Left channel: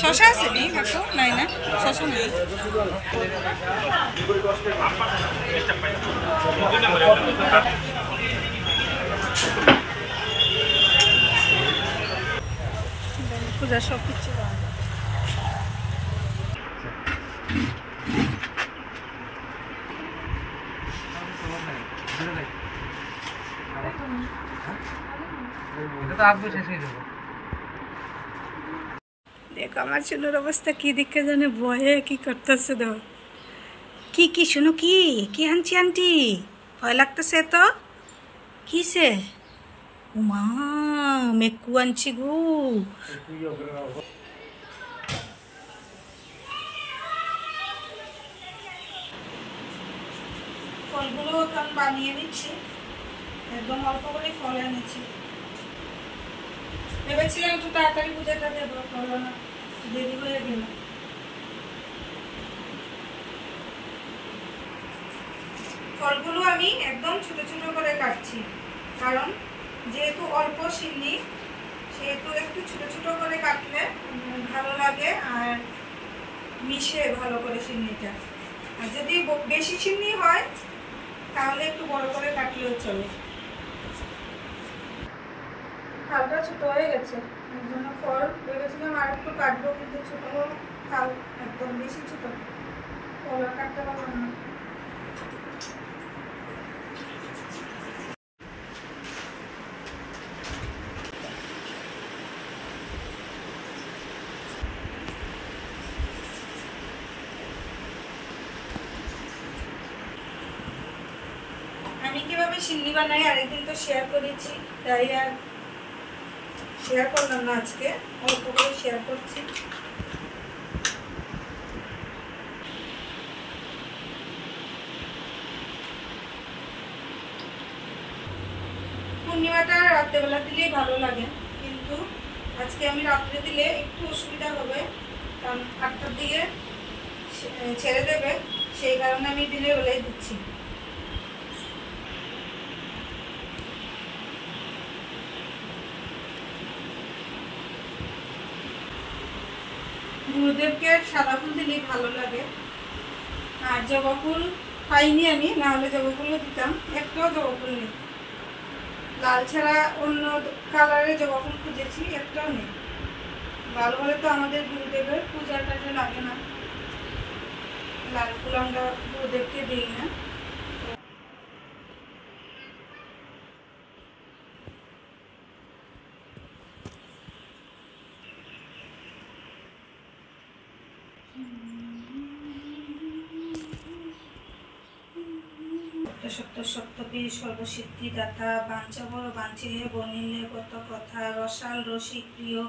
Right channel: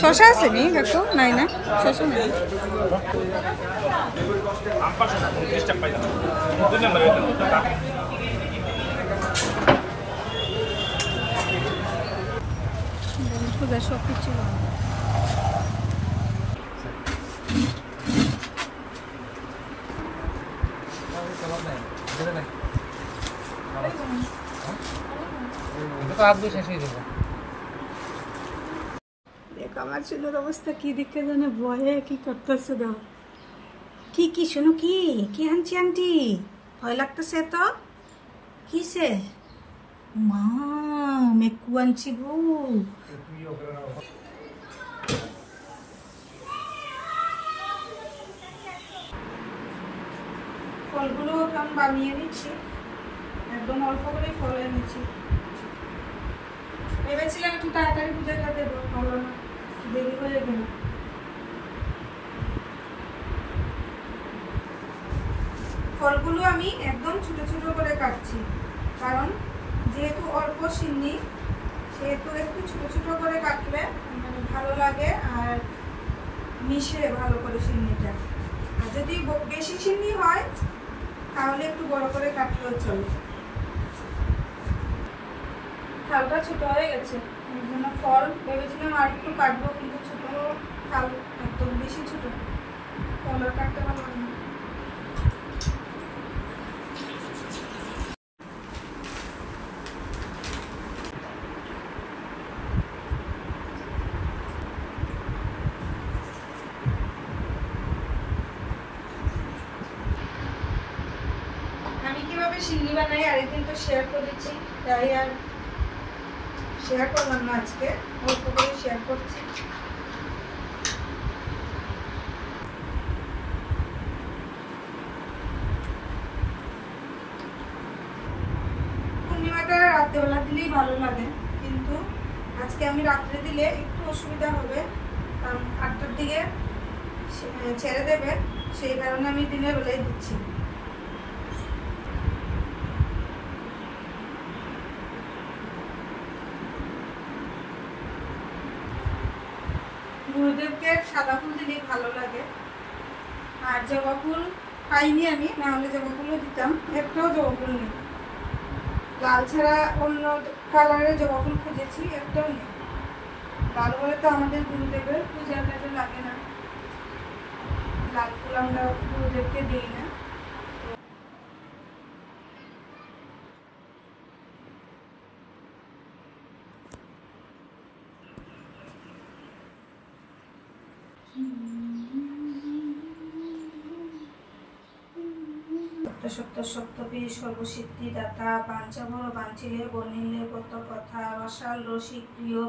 শশা আছে নি কাকু? নাই না, শশা নাই। পূজা সব কিছু বানাবো। দেখো আমার চুলের অবস্থা কি দিকে জানে, ভয়ে কি করতেছে। দেখো কি কি শুনো, কি কি আনছি আন্টি, ভয় লাগতেছে তো। কিসে? মা মেকু আনছি গো। ফলগুলো এখন বানিয়ে নিচ্ছি, একদম অল্প করে ফল এনেছি। ভেবেছিলাম একটু তাড়াতাড়ি পূজাটা দেবো, হলো না, দেরি হয়ে গেল। ফলগুলো আমি একদম ছোট ছোট করে কাটছি, কারণ যেহেতু অল্প সিন্নি, সেহেতু একটু ছোট ছোট করে কাটলে মানে ভালো লাগে আর মিশে ভালো করে সিন্নিটা। আর যদি বেশি সিন্নি হয় তাহলে একটু বড় করে কাটলেও চলে। খালটা ছোট হয়ে গেছে, ওই জন্য ফল ভেবেছিলাম আর একটু কাটবো, কিন্তু ছোট খাল একদম বেশি ছোট, ফল আর কাটতে পারলাম না। আমি কিভাবে সিন্নি বানাই আরেকদিন তো শেয়ার করেছি, তাই আর শেয়ার করলাম না, আজকে অল্প করে শেয়ার করছি। পূর্ণিমাটা রাত্রেবেলা দিলেই ভালো লাগে, কিন্তু আজকে আমি রাত্রে দিলে একটু অসুবিধা হবে, কারণ 8টার দিকে ছেড়ে দেবে, সেই কারণে আমি দিনের বেলায় দিচ্ছি। গুরুদেবকে সাদা ফুল দিলে ভালো লাগে, আর জবা ফুল পাইনি আমি, না হলে জবা ফুলও দিতাম। একটাও জবা ফুল নেই, লাল ছাড়া অন্য কালারের জবা ফুল খুঁজেছি, একটাও নেই। লাল হলে তো আমাদের গুরুদেবের পূজা টাজা লাগে না, লাল ফুল আমরা গুরুদেবকে দিই না। সত্য সত্যপীর সর্বসিদ্ধি দাতা, বাঞ্ছাবর বাঞ্ছিলে বনিলে কত কথা, রসাল রসিক প্রিয়।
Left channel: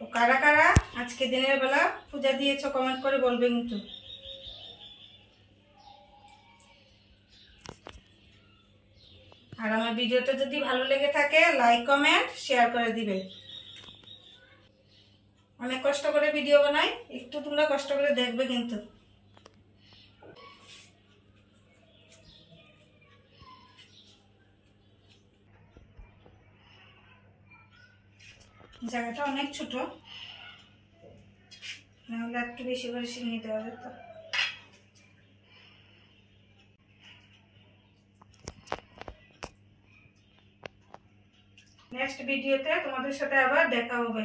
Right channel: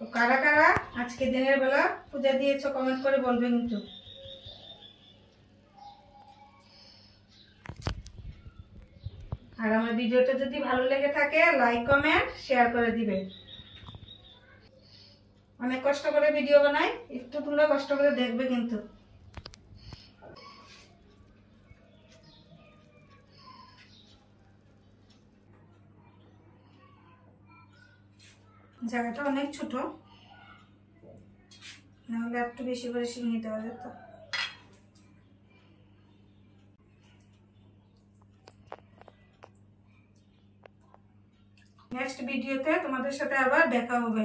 তো কারা কারা আজকে দিনের বেলা পূজা দিয়েছো কমেন্ট করে বলবে কিন্তু। আর আমার ভিডিওটা যদি ভালো লেগে থাকে লাইক কমেন্ট শেয়ার করে দিবে। অনেক কষ্ট করে ভিডিও বানাই, একটু তোমরা কষ্ট করে দেখবে কিন্তু। জায়গাটা অনেক ছোট, নাহলে একটু বেশি করে সিন্নি দেওয়া যেত। নেক্সট ভিডিওতে তোমাদের সাথে আবার দেখা হবে।